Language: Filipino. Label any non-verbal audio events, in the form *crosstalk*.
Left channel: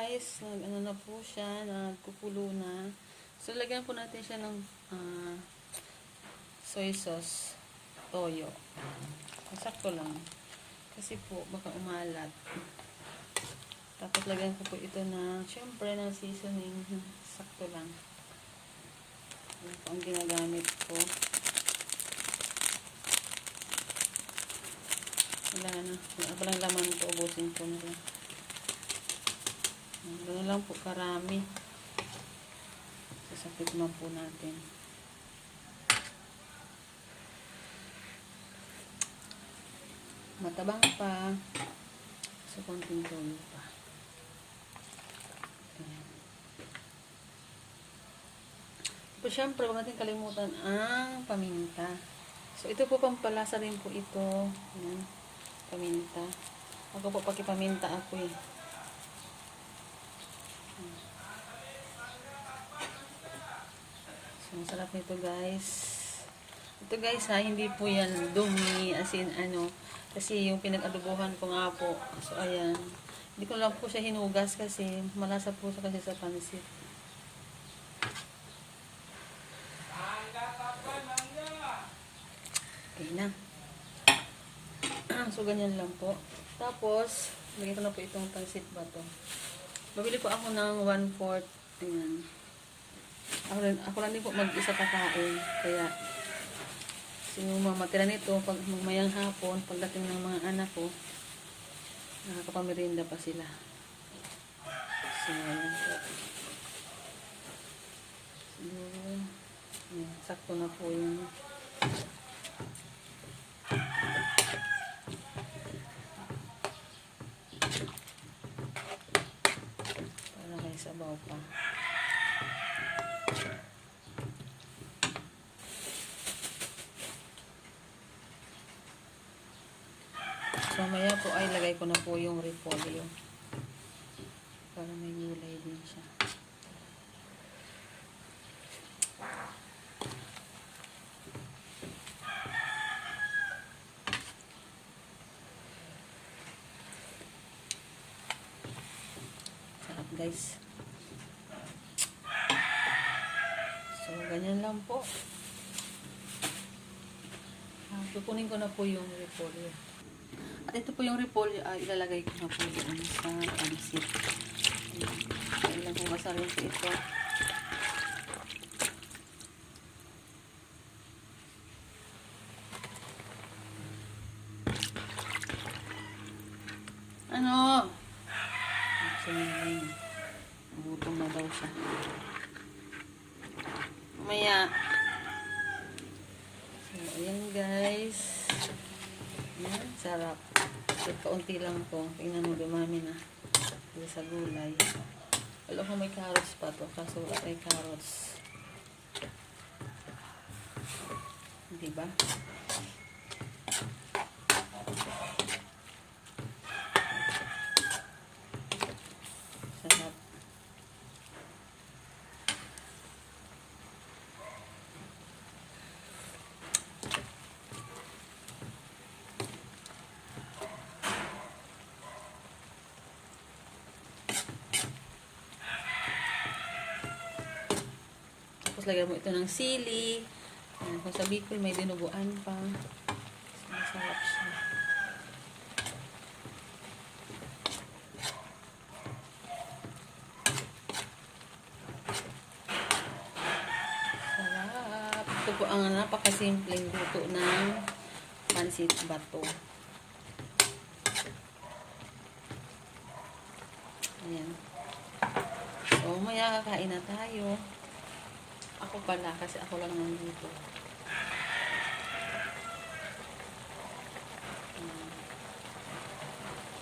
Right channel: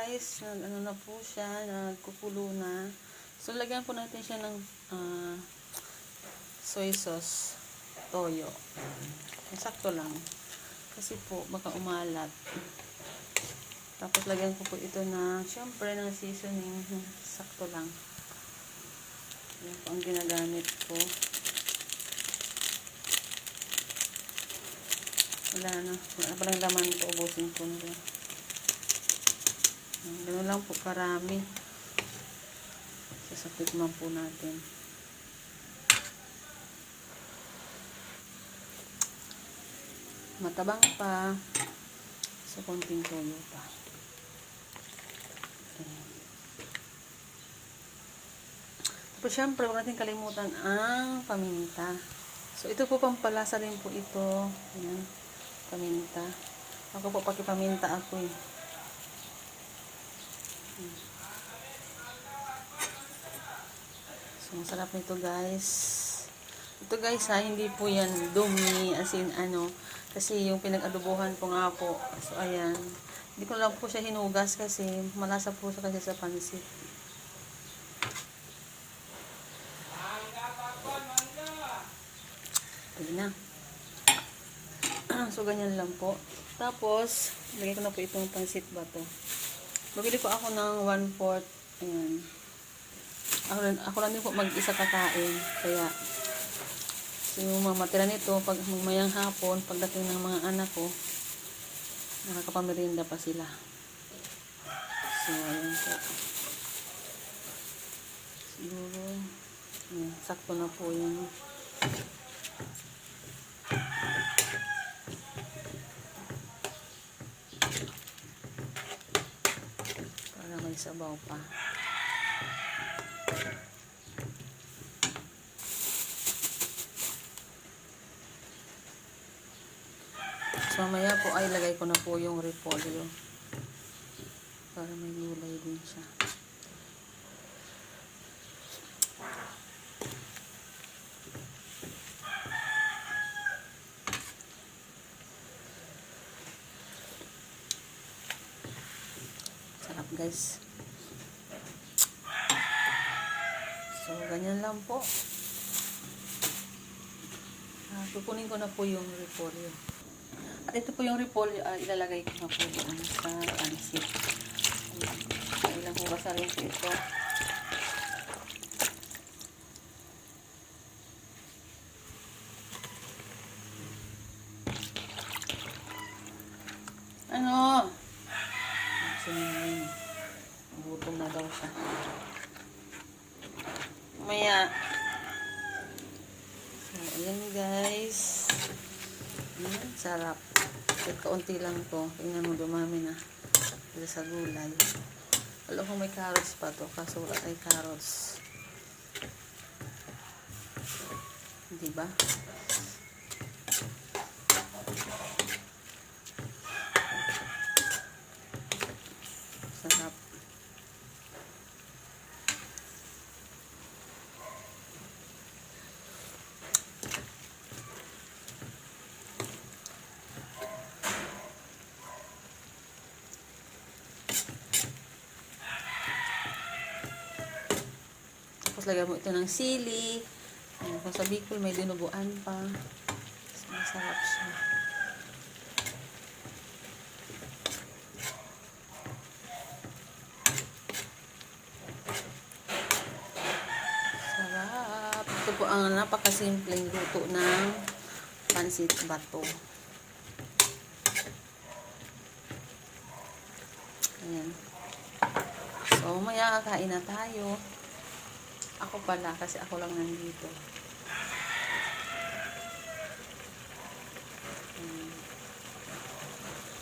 guys, nag ano na po siya, nagkukulo na. So lagyan po natin siya ng ah, soy sauce, toyo. Sakto lang. Kasi po baka umalat. Tapos lagyan ko po ito na syempre ng seasoning, *laughs* sakto lang. Yan po ang ginagamit ko. Wala na. Wala pa lang laman to. Ubusin ko na rin. Ganun lang po karami. Sasapit man po natin. Matabang pa. So, konting toyo pa. Ayan. Tapos, syempre, huwag natin kalimutan ang paminta. So, ito po pampalasa rin po ito. Ayan. Paminta. Ako po, pakipaminta ako eh. So, masarap nito guys. Ito guys ha, hindi po yan dumi as in ano. Kasi yung pinag-adobohan ko nga po. So, ayan. Hindi ko lang po siya hinugas kasi malasa po siya kasi sa pansit. Okay na. *clears throat* so, ganyan lang po. Tapos, lagay ko na po itong pansit ba to. Bumili po ako ng 1-4. Ayan. Ako rin, ako lang din po mag-isa kakain. Kaya, yung mga matira nito, pag mamayang hapon, pagdating ng mga anak ko, nakakapamirinda pa sila. So, ayan po. Siguro, ayan, sakto na po yan. Para may sabaw pa. So, mamaya po ay lagay ko na po yung repolyo. Para may gulay din siya. Sarap guys. So, ganyan lang po. Ah, kukunin ko na po yung repolyo. At ito po yung repolyo, ah, ilalagay ko na po doon sa pansit. Ayan. So, ilang hugasan rin ito. Ano? Sinilin. Gutom na daw siya. Mamaya. So, ayan guys. Ayan, sarap. Kahit kaunti lang to. Tingnan mo, dumami na. Dito sa gulay. Alam ko may carrots pa to. Kaso wala tayong carrots. Diba? Sarap. Tapos lagyan mo ito ng sili. Ayan, kung sa Bicol may dinuguan pa. Mas Masarap siya. Sarap. Ito po ang napakasimpleng luto ng pansit bato. Ayan. So, maya kakain na tayo. Ako pala, kasi ako lang nandito.